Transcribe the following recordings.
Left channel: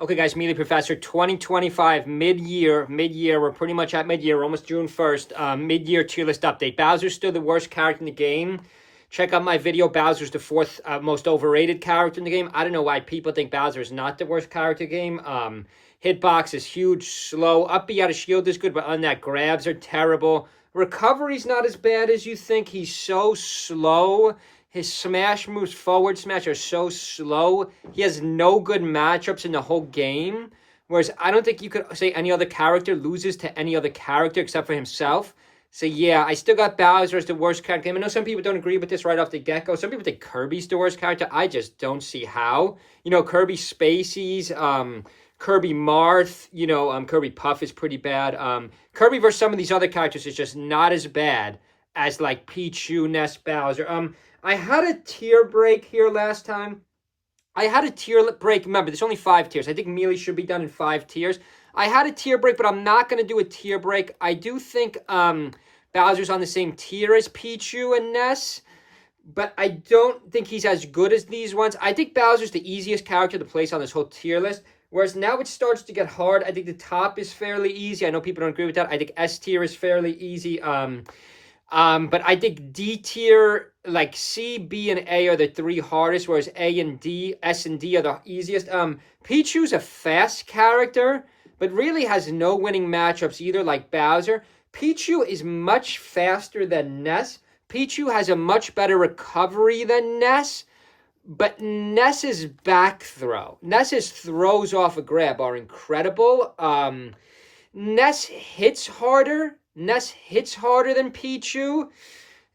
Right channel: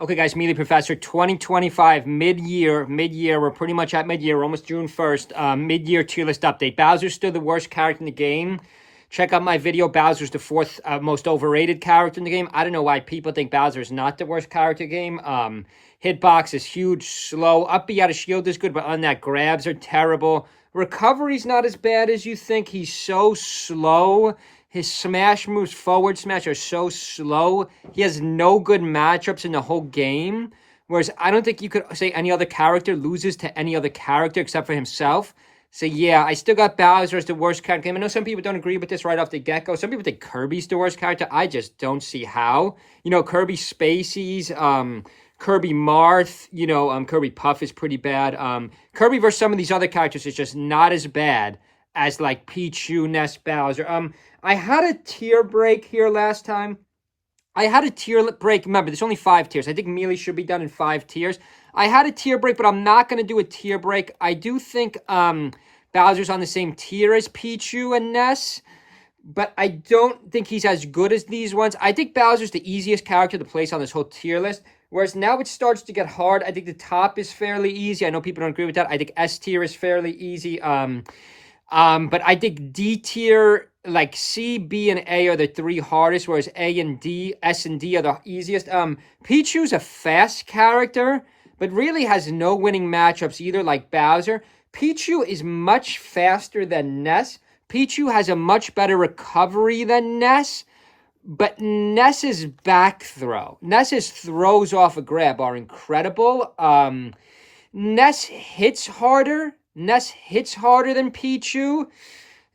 Okay, guys, Mealy Professor, 2025, mid-year. We're pretty much at mid-year. We're almost June 1st. Mid-year tier list update. Bowser's still the worst character in the game. Check out my video. Bowser's the fourth most overrated character in the game. I don't know why people think Bowser is not the worst character in the game. Hitbox is huge, slow. Up B out of shield is good, but on that, grabs are terrible. Recovery's not as bad as you think. He's so slow. His smash moves, forward smash, are so slow. He has no good matchups in the whole game. Whereas I don't think you could say any other character loses to any other character except for himself. So yeah, I still got Bowser as the worst character. I know some people don't agree with this right off the get-go. Some people think Kirby's the worst character. I just don't see how. You know, Kirby Spaceys, Kirby Marth, Kirby Puff is pretty bad. Kirby versus some of these other characters is just not as bad as like Pichu, Ness, Bowser. I had a tier break here last time. I had a tier break. Remember, there's only 5 tiers. I think Melee should be done in 5 tiers. I had a tier break, but I'm not going to do a tier break. I do think Bowser's on the same tier as Pichu and Ness, but I don't think he's as good as these ones. I think Bowser's the easiest character to place on this whole tier list, whereas now it starts to get hard. I think the top is fairly easy. I know people don't agree with that. I think S tier is fairly easy. But I think D tier, like C, B, and A are the 3 hardest, whereas A and D, S and D are the easiest. Pichu's a fast character, but really has no winning matchups either, like Bowser. Pichu is much faster than Ness. Pichu has a much better recovery than Ness, but Ness's back throw, Ness's throws off a grab are incredible. Ness hits harder. Ness hits harder than Pichu.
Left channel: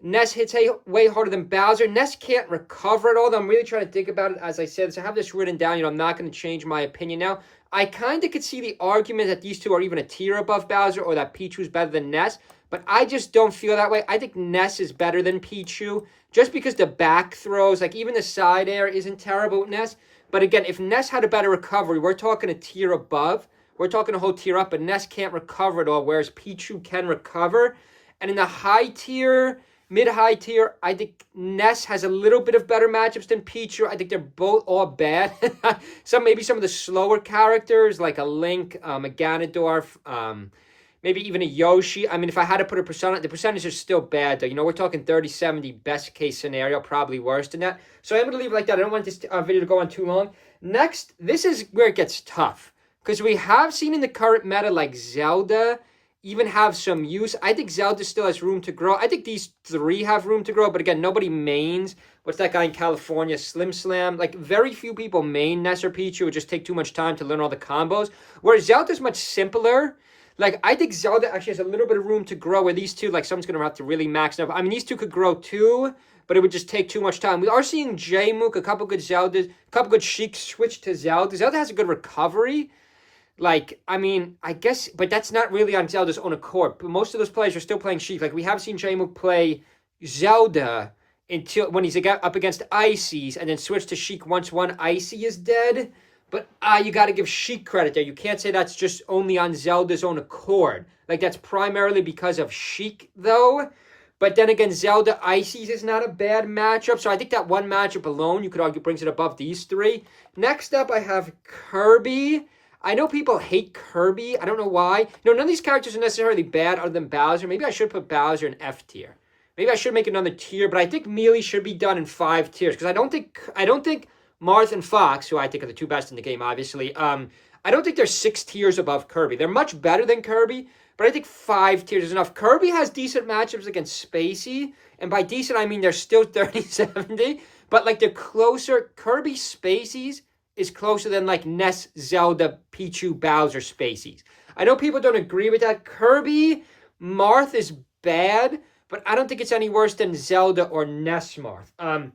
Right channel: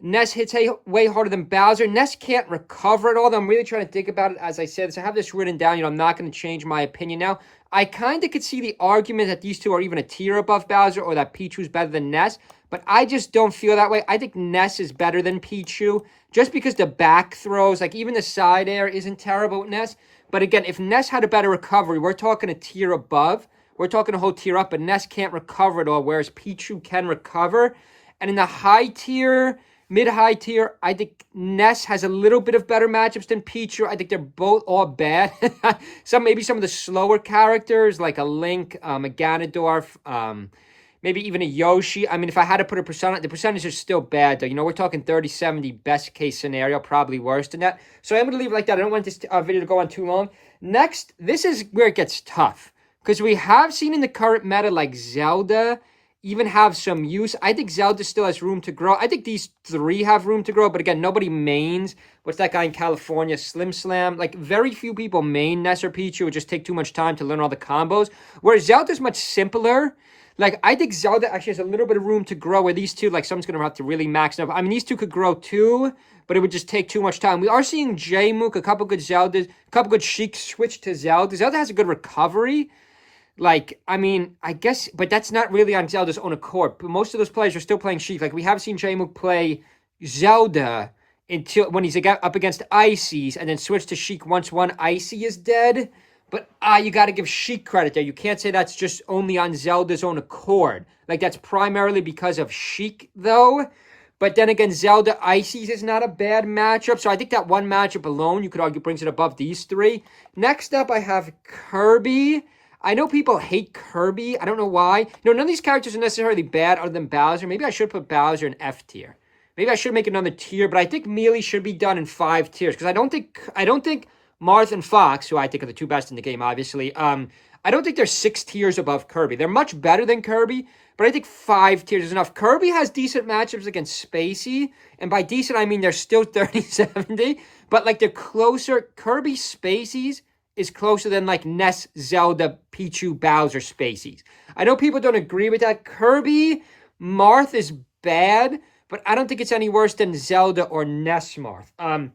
Ness hits way harder than Bowser. Ness can't recover at all. I'm really trying to think about it as I said. So I have this written down. I'm not going to change my opinion now. I kind of could see the argument that these two are even a tier above Bowser or that Pichu's better than Ness, but I just don't feel that way. I think Ness is better than Pichu just because the back throws, like even the side air isn't terrible with Ness. But again, if Ness had a better recovery, we're talking a tier above. We're talking a whole tier up, but Ness can't recover at all, whereas Pichu can recover. And in the high tier, mid-high tier, I think Ness has a little bit of better matchups than Pichu. I think they're both all bad. Maybe some of the slower characters, like a Link, a Ganondorf, maybe even a Yoshi. I mean, if I had to put a percentage, the percentage is still bad, though. We're talking 30-70 best case scenario, probably worse than that. So I'm going to leave it like that. I don't want this video to go on too long. Next, this is where it gets tough. Because we have seen in the current meta, like Zelda, even have some use. I think Zelda still has room to grow. I think these 3 have room to grow. But again, nobody mains. What's that guy in California? Slim Slam. Like, very few people main Ness or Pichu. It would just take too much time to learn all the combos. Whereas Zelda's much simpler. Like, I think Zelda actually has a little bit of room to grow. Where these two, like, someone's going to have to really max it up. I mean, these two could grow too, but it would just take too much time. We are seeing J-Mook, a couple good Zeldas, a couple good Sheik switch to Zelda. Zelda has a good recovery. Like, I mean, I guess, but that's not really on Zelda's own accord. But most of those players are still playing Sheik. Like, we have seen J-Mook play Zelda until when he's up against Ices, and then switch to Sheik once one Icy is dead. But you got to give Sheik credit there. You can't say that's just only on Zelda's own accord. Like, that's primarily because of Sheik, though. But then again, Zelda Ices is not a bad matchup. So I think that one matchup alone, you could argue, brings it above these 3. Next up, I have Kirby. I know people hate Kirby. I don't know why. None of these characters are necessarily bad other than Bowser. Maybe I should put Bowser in F tier. Maybe I should make another tier, but I think Melee should be done in 5 tiers because I don't think Marth and Fox, who I think are the 2 best in the game, obviously. I don't think they're 6 tiers above Kirby. They're much better than Kirby, but I think 5 tiers is enough. Kirby has decent matchups against Spacey, and by decent I mean they're still 30-70, but like they're closer. Kirby Spaceys is closer than like Ness, Zelda, Pichu, Bowser, Spaceys. I know people don't agree with that. Kirby Marth is bad, but I don't think it's any worse than Zelda or Ness Marth.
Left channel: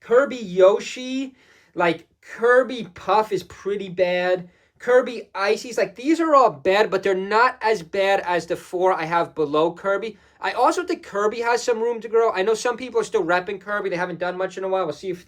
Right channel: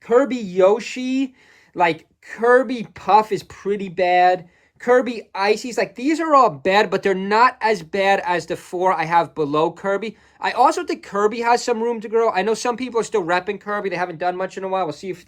Kirby Yoshi, like Kirby Puff is pretty bad. Kirby Ices, like these are all bad, but they're not as bad as the 4 I have below Kirby. I also think Kirby has some room to grow. I know some people are still repping Kirby. They haven't done much in a while. We'll see if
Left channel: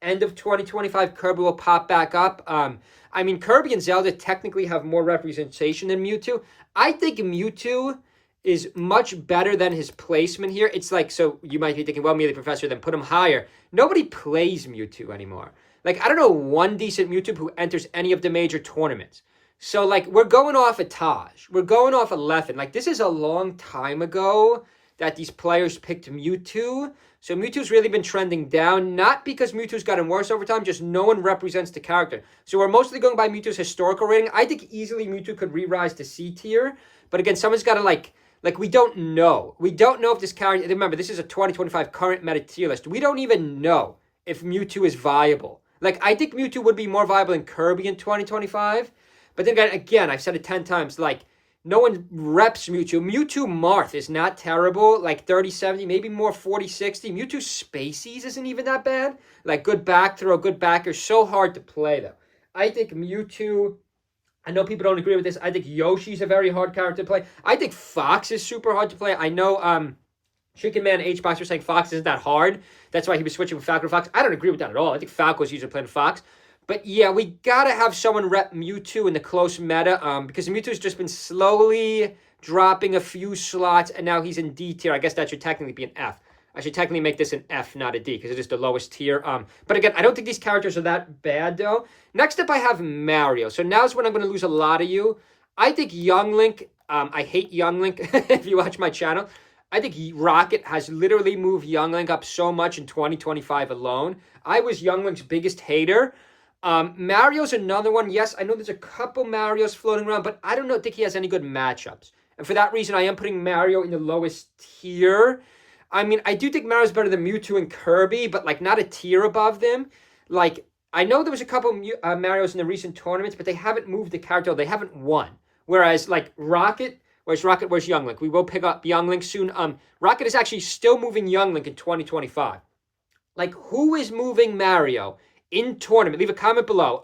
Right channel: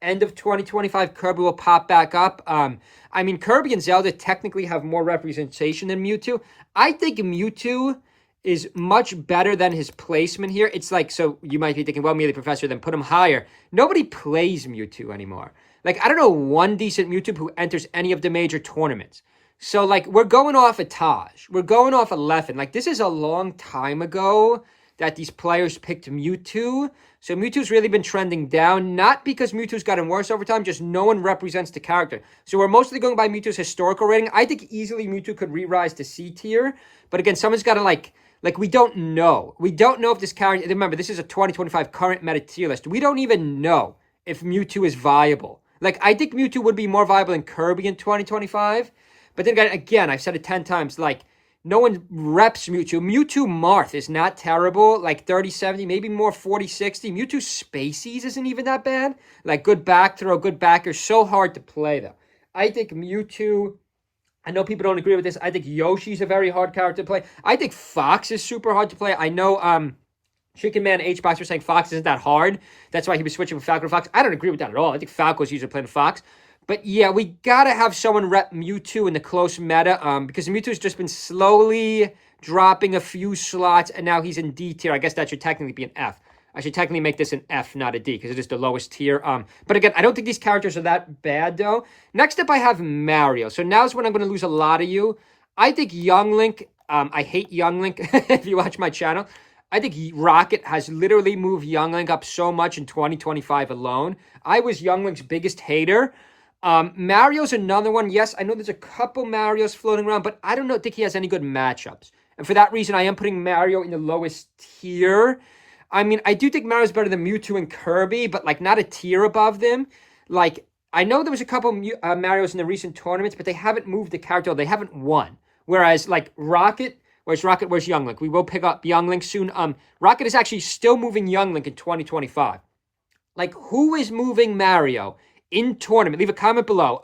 end of 2025 Kirby will pop back up. I mean, Kirby and Zelda technically have more representation than Mewtwo. I think Mewtwo is much better than his placement here. It's like, so you might be thinking, well, Melee Professor, then put him higher. Nobody plays Mewtwo anymore. Like, I don't know one decent Mewtwo who enters any of the major tournaments. So, like, we're going off a Taj. We're going off a Leffen. Like, this is a long time ago that these players picked Mewtwo. So Mewtwo's really been trending down, not because Mewtwo's gotten worse over time, just no one represents the character. So we're mostly going by Mewtwo's historical rating. I think easily Mewtwo could re-rise to C tier. But again, someone's got to, like, we don't know. We don't know if this character, remember, this is a 2025 current meta tier list. We don't even know if Mewtwo is viable. Like, I think Mewtwo would be more viable than Kirby in 2025. But then again, I've said it 10 times, like, no one reps Mewtwo. Mewtwo Marth is not terrible, like 30-70, maybe more 40-60. Mewtwo Spaceys isn't even that bad. Like, good back throw, good backer, so hard to play, though. I think Mewtwo, I know people don't agree with this. I think Yoshi's a very hard character to play. I think Fox is super hard to play. I know Chicken Man H-Box was saying Fox isn't that hard. That's why he was switching from Falcon to Fox. I don't agree with that at all. I think Falcon was usually playing Fox. But yeah, we gotta have someone rep Mewtwo in the close meta, because Mewtwo's just been slowly dropping a few slots, and now he's in D tier. I guess that should technically be an F. I should technically make this an F, not a D, because it is the lowest tier. But again, I don't think these characters are that bad, though. Next up, I have Mario. So now's when I'm going to lose a lot of you. I think Young Link, I hate Young Link, if you watch my channel. I think Rocket has literally moved Young Link up so much in 2025 alone. I was Young Link's biggest hater. Mario's another one. Yes, I know there's a couple Marios floating around, but I don't think he has any good matchups. And for that reason, I am putting Mario in the lowest tier. I mean, I do think Mario's better than Mewtwo and Kirby, but, like, not a tier above them. Like, I know there was a couple Marios in the recent tournaments, but they haven't moved the character. They haven't won. Whereas, like, Rocket, where's Young Link? We will pick up Young Link soon. Rocket is actually still moving Young Link in 2025. Like, who is moving Mario in tournament? Leave a comment below.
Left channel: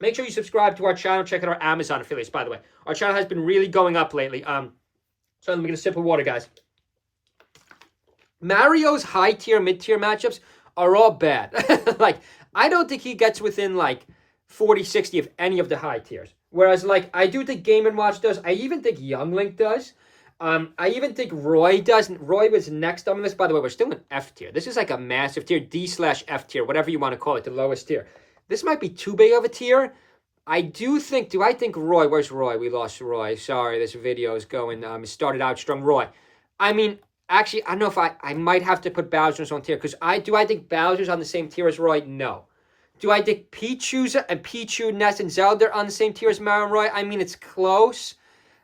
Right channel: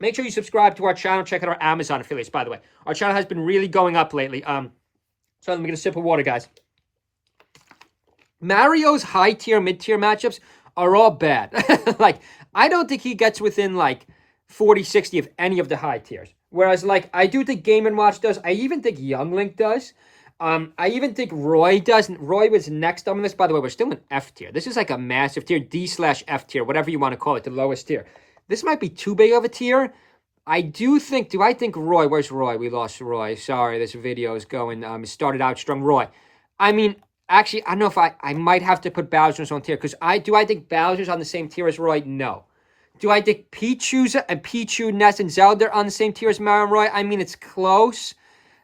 Make sure you subscribe to our channel. Check out our Amazon affiliates, by the way. Our channel has been really going up lately. So let me get a sip of water, guys. Mario's high tier, mid tier matchups are all bad. Like, I don't think he gets within, like, 40-60 of any of the high tiers. Whereas, like, I do think Game & Watch does. I even think Young Link does. I even think Roy does. Roy was next on this. By the way, we're still in F tier. This is like a massive tier, D/F tier, whatever you want to call it, the lowest tier. This might be too big of a tier. I think Roy, where's Roy? We lost Roy. Sorry, this video is going, it started out strong. Roy. I mean, actually, I don't know if I might have to put Bowser's on tier, because I think Bowser's on the same tier as Roy? No. Do I think Pichu, Ness, and Zelda are on the same tier as Mario and Roy? I mean, it's close.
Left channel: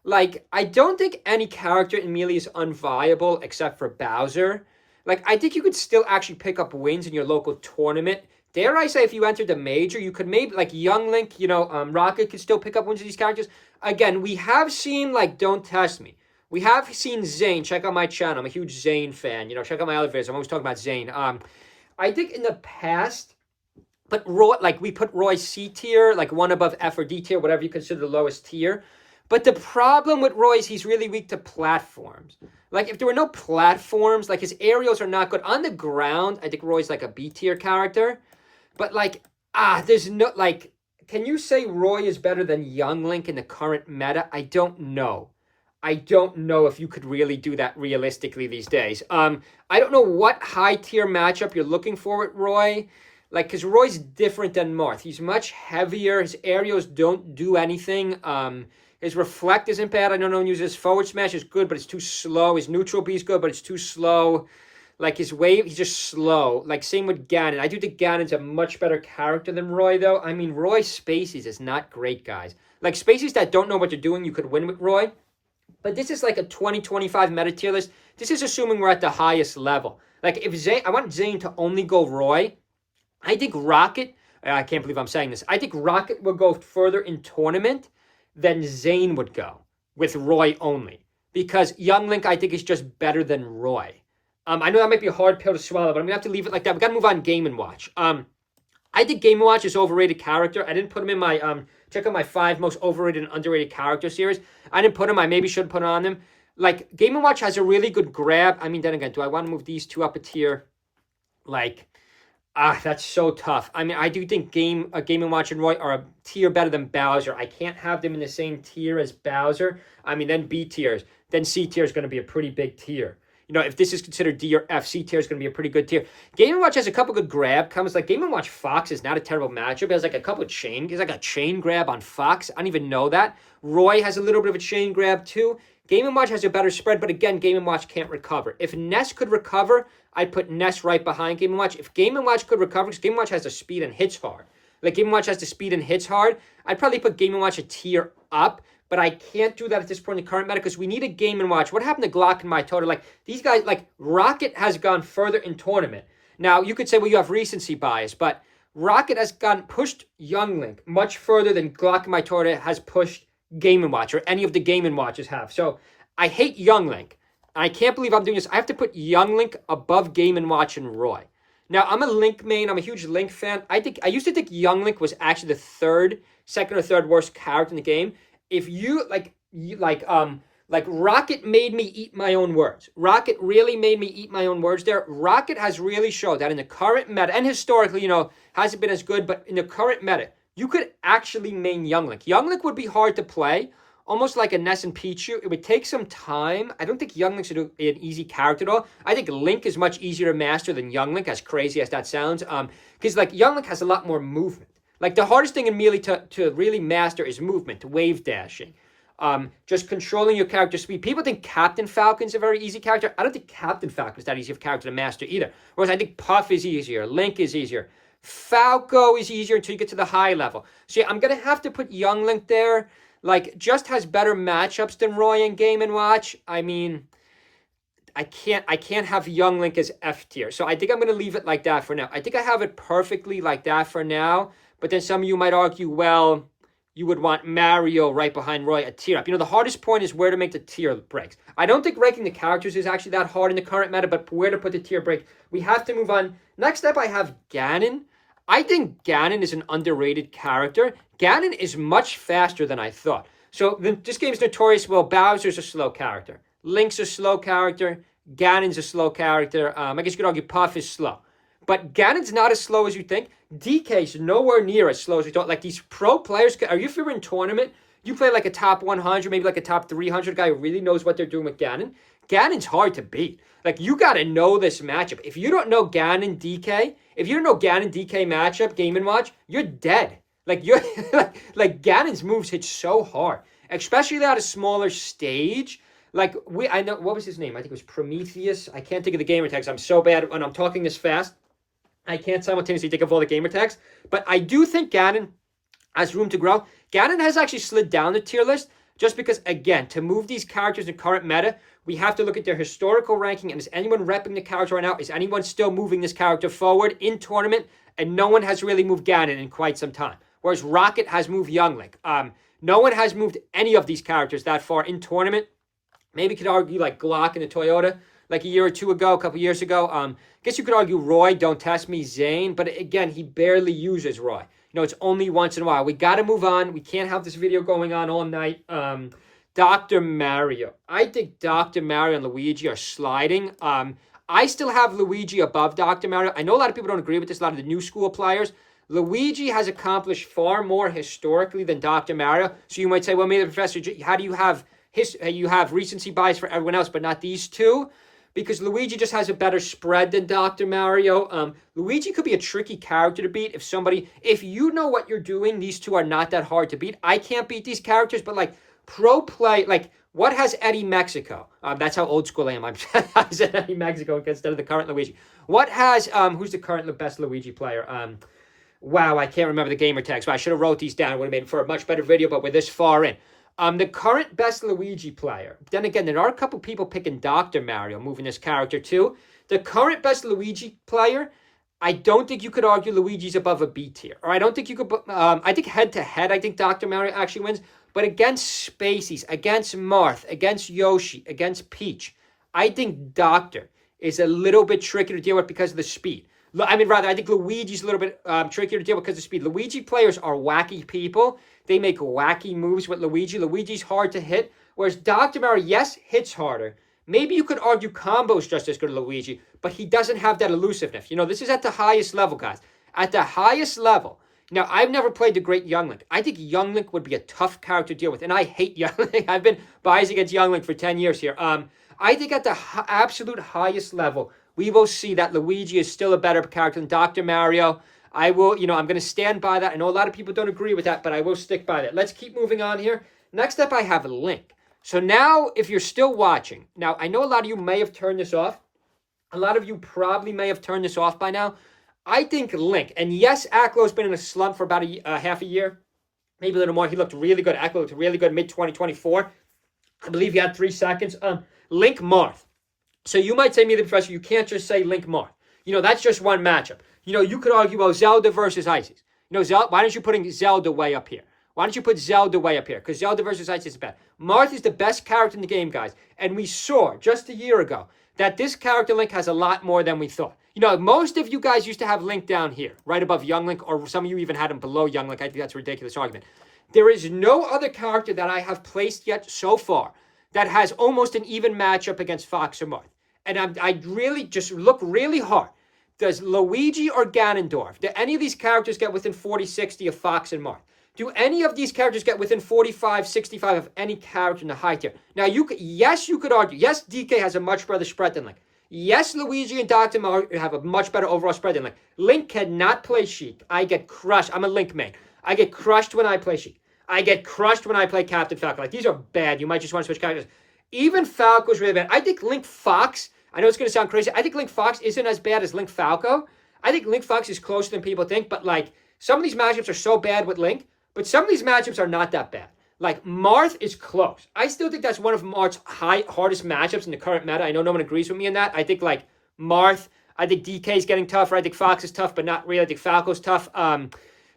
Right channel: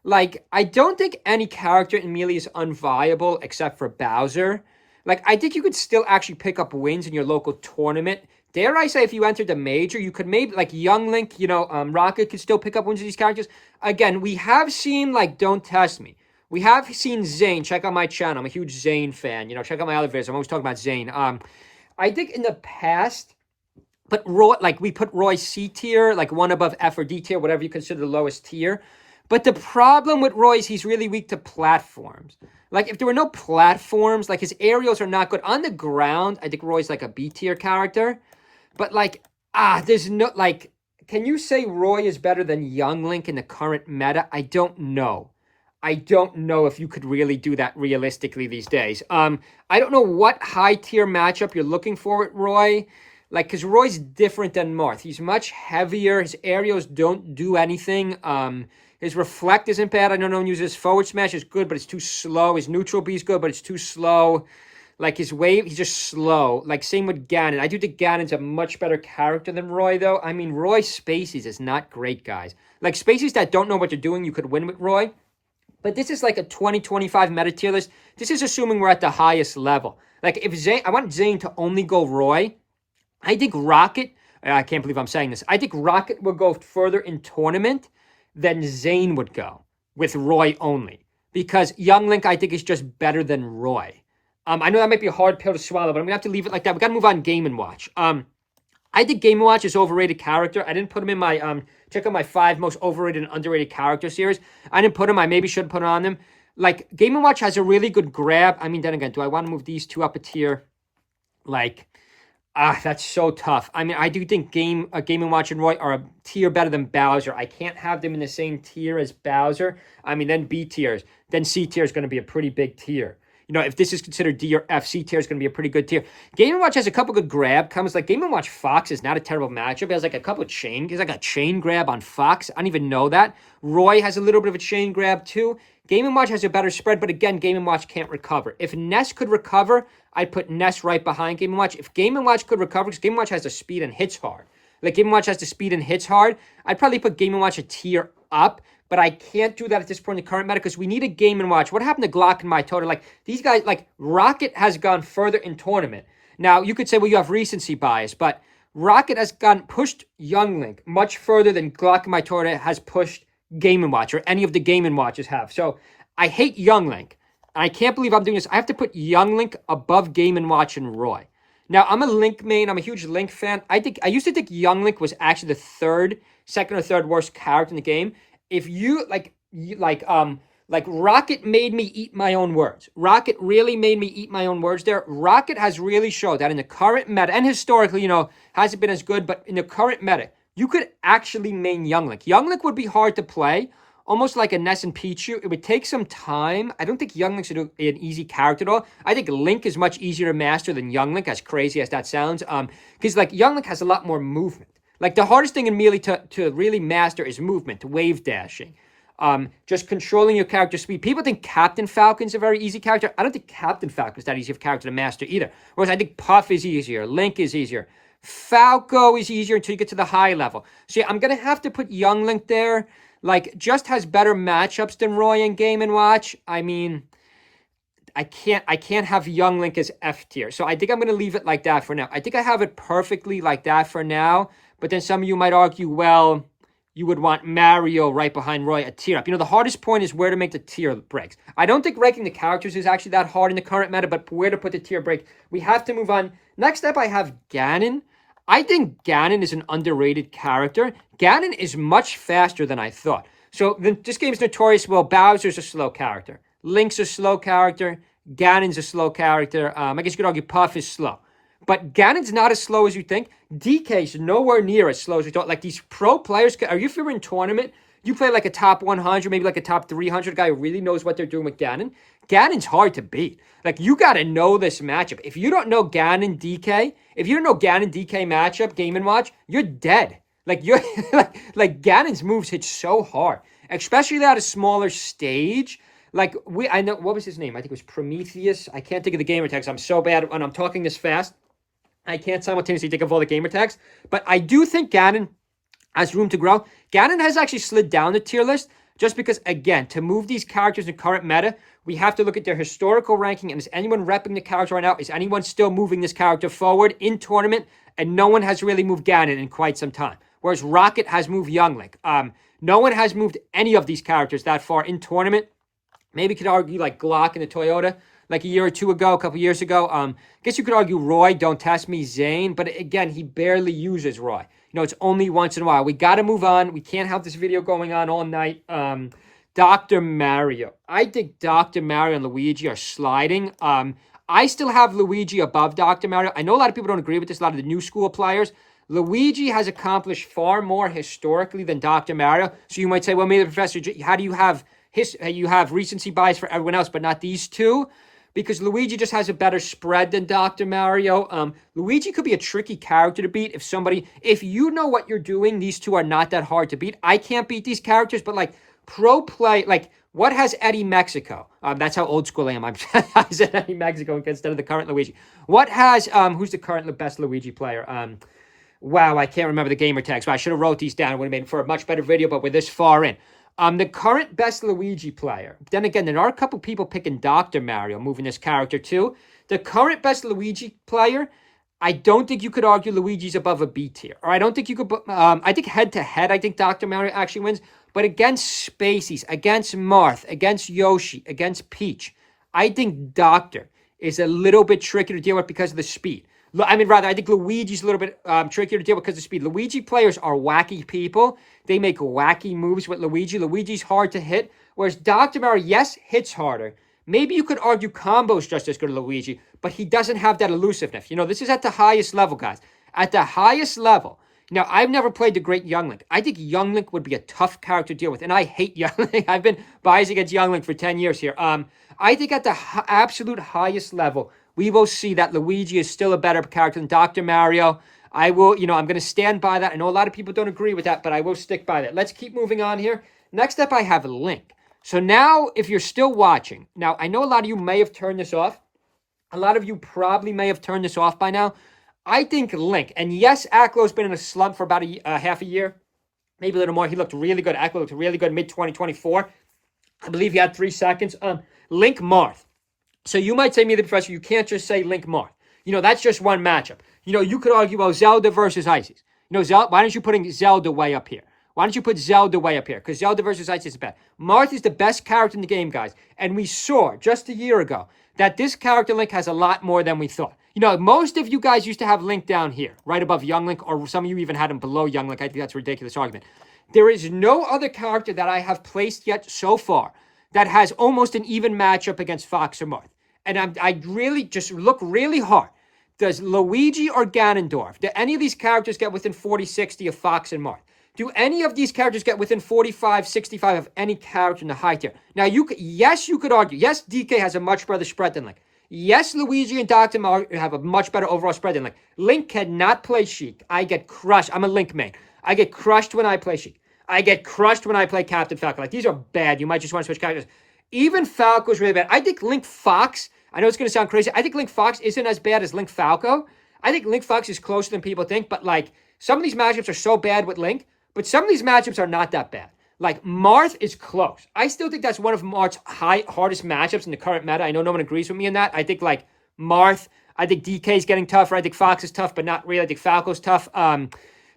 Like, I don't think any character in Melee is unviable except for Bowser. Like, I think you could still actually pick up wins in your local tournament. Dare I say, if you entered the major, you could maybe, like, Young Link, Rocket could still pick up wins with these characters. Again, we have seen, like, don't test me. We have seen Zane. Check out my channel. I'm a huge Zane fan. Check out my other videos. I'm always talking about Zane. I think in the past, but Roy, like, we put Roy C tier, like one above F or D tier, whatever you consider the lowest tier. But the problem with Roy is he's really weak to platforms. Like, if there were no platforms, like, his aerials are not good. On the ground, I think Roy's like a B tier character. But, like, there's no, like, can you say Roy is better than Young Link in the current meta? I don't know. I don't know if you could really do that realistically these days. I don't know what high tier matchup you're looking for with Roy. Like, because Roy's different than Marth. He's much heavier. His aerials don't do anything. His reflect isn't bad. I know no one uses his forward smash. Is good, but it's too slow. His neutral B is good, but it's too slow. Like, his wave, he's just slow. Like, same with Ganon. I do think Ganon's a much better character than Roy, though. I mean, Roy Spaceys is not great, guys. Like, Spaceys that don't know what they're doing, you could win with Roy. But this is like a 2025 meta tier list. This is assuming we're at the highest level. Like, if Zane, I want Zane to only go Roy. I think Rocket, I can't believe I'm saying this. I think Rocket will go further in tournament than Zane would go with Roy only. Because Young Link, I think, is just better than Roy. I know that might be a hard pill to swallow, but I'm going to have to leave it like that. We got to move on Game & Watch. I think Game & Watch is overrated character. I didn't put him in my, check out my 5 most overrated and underrated character series. I didn't put him. I maybe should put on them. Like, Game & Watch has a really good grab. I mean, then again, do I want to move these two up a tier? Like, that's so tough. I mean, I do think Game & Watch and Roy are a tier better than Bowser. I can't have them in the same tier as Bowser. I mean, then B tiers. Then C tier is going to be a pretty big tier. You know, if this is considered D or F, C tier is going to be a pretty good tier. Game & Watch has a couple good grab combos. Like, Game & Watch Fox is not a terrible matchup. It has, like, a couple of chain. He's like a chain grab on Fox. I don't even know that. Roy has a little bit of a chain grab, too. Game & Watch has a better spread, but again, Game & Watch can't recover. If Ness could recover, I'd put Ness right behind Game & Watch. If Game & Watch could recover, because Game & Watch has the speed and hits hard. Like, Game & Watch has the speed and hits hard. I'd probably put Game & Watch a tier up, but I can't do that at this point in the current meta because we need a Game & Watch. What happened to Glock and Mytoda? Like, these guys, like, Rocket has gone further in tournament. Now, you could say, well, you have recency bias, but Rocket has pushed Young Link much further than Glock and Mytoda has pushed Game & Watch, or any of the Game & Watches have. So, I hate Young Link. I can't believe I'm doing this. I have to put Young Link above Game & Watch and Roy. Now, I'm a Link main. I'm a huge Link fan. I used to think Young Link was actually the second or third worst character in the game. If you, like Rocket made me eat my own words. Rocket really made me eat my own words there. Rocket has really showed that in the current meta, and historically, you know, hasn't been as good, but in the current meta, you could actually main Young Link. Young Link would be hard to play, almost like a Ness and Pichu. It would take some time. I don't think Young Link's an easy character at all. I think Link is much easier to master than Young Link, as crazy as that sounds. Because like Young Link has a lot more movement. Like the hardest thing in Melee to really master is movement, wave dashing. Just controlling your character speed. People think Captain Falcon's a very easy character. I don't think Captain Falcon's that easy of a character to master either. Whereas I think Puff is easier, Link is easier, Falco is easier until you get to the high level. So yeah, I'm gonna have to put Young Link there. Like, just has better matchups than Roy in Game & Watch. I mean, I can't have Young Link as F tier. So I think I'm going to leave it like that for now. I think I have it perfectly like that for now. But then some of you might argue, well, you would want Mario right behind Roy, a tier up. You know, the hardest point is where to make the tier breaks. I don't think ranking the characters is actually that hard in the current meta, but where to put the tier break. We have to move on. Next up, I have Ganon. I think Ganon is an underrated character. Ganon is much faster than I thought. So this game is notorious. Well, Bowser's a slow character. Link's a slow character. Ganon's a slow character. I guess you could argue Puff is slow. But Ganon's not as slow as you think. DK's nowhere near as slow as you thought. Like these pro players, if you're in tournament, you play like a top 100, maybe like a top 300 guy who really knows what they're doing with Ganon. Ganon's hard to beat. Like, you got to know this matchup. If you don't know Ganon DK, if you don't know Ganon DK matchup, Game & Watch, you're dead. Like, you're like Ganon's moves hit so hard, especially at a smaller stage. Like, I know, what was his name? I think it was Prometheus. I can't think of the gamer tags. I'm so bad when I'm talking this fast. I can't simultaneously think of all the gamer tags. But I do think Ganon has room to grow. Ganon has actually slid down the tier list just because, again, to move these characters in current meta, we have to look at their historical ranking. And is anyone repping the character right now? Is anyone still moving this character forward in tournament? And no one has really moved Ganon in quite some time. Whereas Rocket has moved Young Link. No one has moved any of these characters that far in tournament. Maybe you could argue like Glock and the Toyota, like a year or two ago, a couple years ago. I guess you could argue Roy, Don't Test Me, Zane. But again, he barely uses Roy. You know, it's only once in a while. We got to move on. We can't have this video going on all night. Dr. Mario. I think Dr. Mario and Luigi are sliding. I still have Luigi above Dr. Mario. I know a lot of people don't agree with this, a lot of the new school players. Luigi has accomplished far more historically than Dr. Mario. So you might say, well, maybe Professor, how do you have you have recency bias for everyone else, but not these two? Because Luigi just has a better spread than Dr. Mario. Luigi could be a tricky character to beat if you know what you're doing, these two are not that hard to beat. I can't beat these characters, but like pro play, like what has Eddie Mexico? That's how old school I am. I said Eddie Mexico instead of the current Luigi. What has, who's the current best Luigi player? Wow, I can't remember the gamer tags, but I should have wrote these down. It would have made for a much better video, but we're this far in. The current best Luigi player. Then again, there are a couple people picking Dr. Mario, moving this character too. The current best Luigi player, I don't think you could argue Luigi's above a B tier. Or I don't think you could, I think head to head, I think Dr. Mario actually wins. But against Spaceys, against Marth, against Yoshi, against Peach, I think Doctor is a little bit trickier to deal with because of the speed. I think Luigi's a little bit trickier to deal with because of speed. Luigi players are wacky people. They make wacky moves with Luigi. Luigi's hard to hit, whereas Dr. Mario, yes, hits harder. Maybe you could argue combo's just as good as Luigi, but he doesn't have that elusiveness. You know, this is at the highest level, guys. At the highest level, Now, I've never played the great Young Link. I think Young Link would be a tough character to deal with, and I hate Young Link. I've been biased against Young Link for 10 years here. I think at the absolute highest level, we will see that Luigi is still a better character than Dr. Mario. I will, I'm going to stand by that. I know a lot of people don't agree with that, but I will stick by that. Let's keep moving on here. Next up, I have Link. So now, if you're still watching, now I know a lot of you may have turned this off. A lot of you probably may have turned this off by now. I think Link, and yes, Acklo's been in a slump for about half a year, maybe a little more. He looked really good. Acklo looked really good mid-2024. I believe he had 3 seconds. Link Marth. So you might say, me, the professor, you can't just say Link Marth. That's just one matchup. You could argue, well, Zelda versus Isis. Zelda, why don't you put Zelda way up here? Why don't you put Zelda way up here? Because Zelda versus Isis is bad. Marth is the best character in the game, guys. And we saw just a year ago that this character Link has a lot more than we thought. Most of you guys used to have Link down here, right above Young Link, or some of you even had him below Young Link. I think that's a ridiculous argument. There is no other character that I have placed yet so far that has almost an even matchup against Fox or Marth. And I really just look really hard. Does Luigi or Ganondorf, do any of these characters get within 40, 60 of Fox and Marth? Do any of these characters get within 45, 65 of any character in the high tier? Now, you could argue. Yes, DK has a much better spread than Link. Yes, Luigi and Dr. Mario have a much better overall spread than Link. Link cannot play Sheik. I get crushed. I'm a Link main. I get crushed when I play Sheik. I get crushed when I play Captain Falcon. These are bad. You might just want to switch characters. Even Falco's really bad. I think Link Fox, I know it's going to sound crazy. I think Link Fox isn't as bad as Link Falco. I think Link Fox is closer than people think, but some of these matchups are so bad with Link, but some of these matchups are not that bad. Marth is close. I still think that's one of Marth's hardest matchups in the current meta. I know no one agrees with me in that. I think Marth, I think DK is getting tougher. I think Fox is tough, but not really. I think Falco's tough.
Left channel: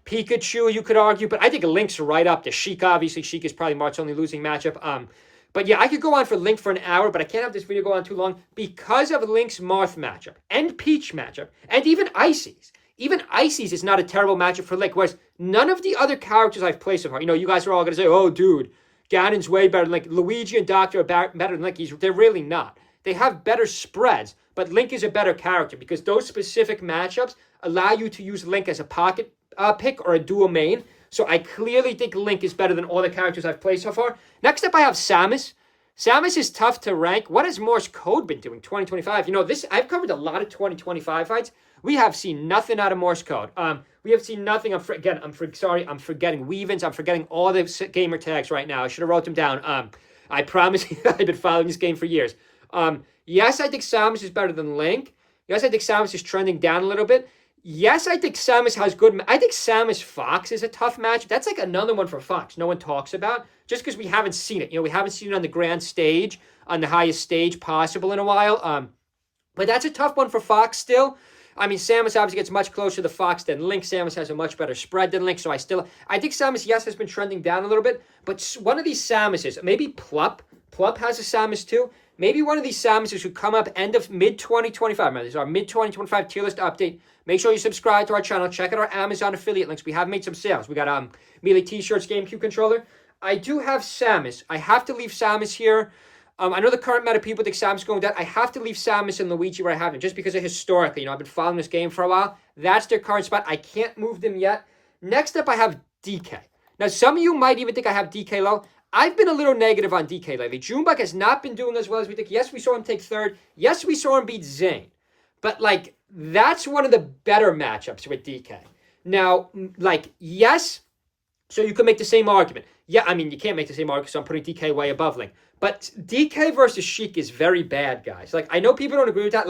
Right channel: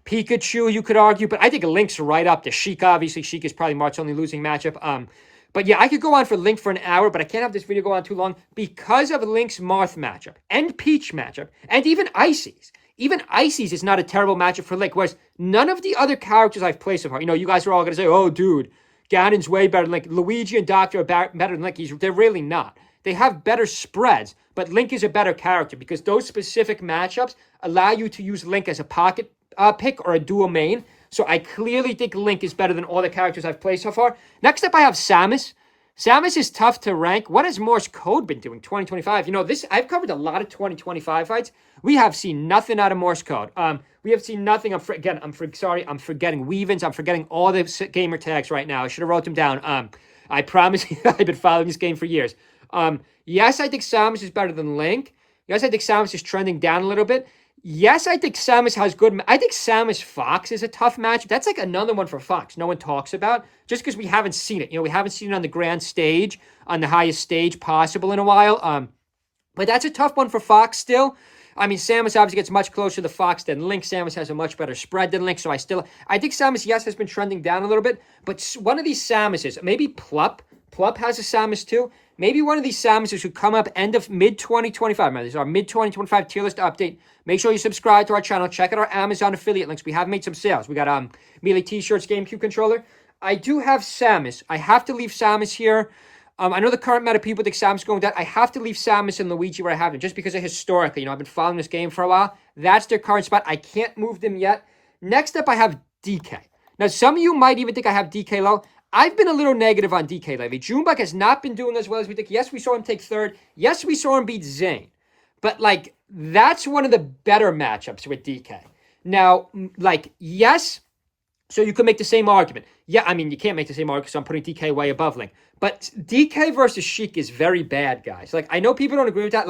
Pikachu, you could argue, but I think Link's right up to Sheik. Obviously, Sheik is probably Marth's only losing matchup. But yeah, I could go on for Link for an hour, but I can't have this video go on too long because of Link's Marth matchup and Peach matchup and even Icy's. Even Icy's is not a terrible matchup for Link, whereas none of the other characters I've played so far, you guys are all going to say, oh, dude, Ganon's way better than Link. Luigi and Doctor are better than Link. They're really not. They have better spreads, but Link is a better character because those specific matchups allow you to use Link as a pocket pick or a dual main. So I clearly think Link is better than all the characters I've played so far. Next up, I have Samus. Samus is tough to rank. What has Morse Code been doing 2025? I've covered a lot of 2025 fights. We have seen nothing out of Morse Code. We have seen nothing. I'm forgetting Weavens. I'm forgetting all the gamer tags right now. I should have wrote them down. I promise you, I've been following this game for years. Yes, I think Samus is better than Link. Yes, I think Samus is trending down a little bit. Yes, I think Samus has good... I think Samus Fox is a tough match. That's another one for Fox no one talks about, just because we haven't seen it. We haven't seen it on the grand stage, on the highest stage possible in a while. But that's a tough one for Fox still. I mean, Samus obviously gets much closer to Fox than Link. Samus has a much better spread than Link, so I think Samus, yes, has been trending down a little bit, but one of these Samuses, maybe Plup has a Samus too. Maybe one of these Samuses who come up end of mid-2025. Remember, this is our mid-2025 tier list update. Make sure you subscribe to our channel. Check out our Amazon affiliate links. We have made some sales. We got Melee t-shirts, GameCube controller. I do have Samus. I have to leave Samus here. I know the current meta people think Samus is going down. I have to leave Samus and Luigi where I have them, just because of historically. I've been following this game for a while. That's their current spot. I can't move them yet. Next up, I have DK. Now, some of you might even think I have DK low. I've been a little negative on DK lately. Junebug has not been doing as well as we think. Yes, we saw him take third. Yes, we saw him beat Zayn. But, that's one of the better matchups with DK. Now, yes, so you could make the same argument. Yeah, I mean, you can't make the same argument because I'm putting DK way above Link. But DK versus Sheik is very bad, guys. I know people don't agree with that.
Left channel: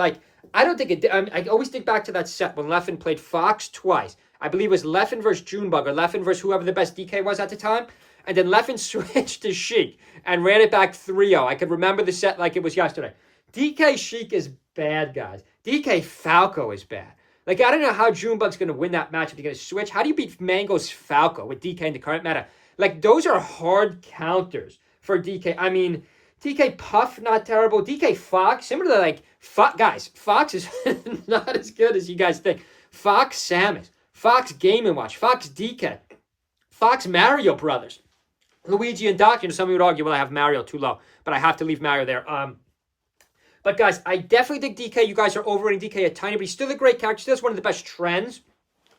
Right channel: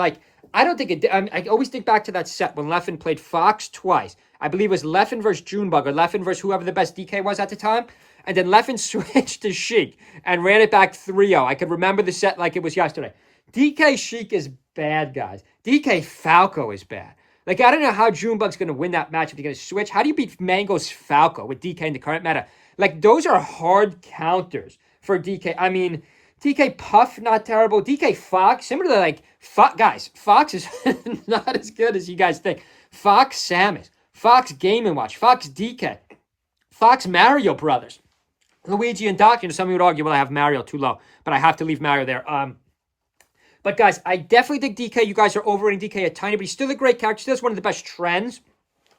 I don't think it... I always think back to that set when Leffen played Fox twice. I believe it was Leffen versus Junebug or Leffen versus whoever the best DK was at the time. And then Leffen switched to Sheik and ran it back 3-0. I could remember the set like it was yesterday. DK Sheik is bad, guys. DK Falco is bad. I don't know how Junebug's going to win that matchup. You're going to switch. How do you beat Mango's Falco with DK in the current meta? Those are hard counters for DK. I mean, DK Puff, not terrible. DK Fox, similar to guys, Fox is not as good as you guys think. Fox Samus, Fox Game & Watch, Fox DK, Fox Mario Brothers. Luigi and Doc, some of you would argue, well, I have Mario too low, but I have to leave Mario there. But guys, I definitely think DK, you guys are overrating DK a tiny bit. He's still a great character. Still has one of the best trends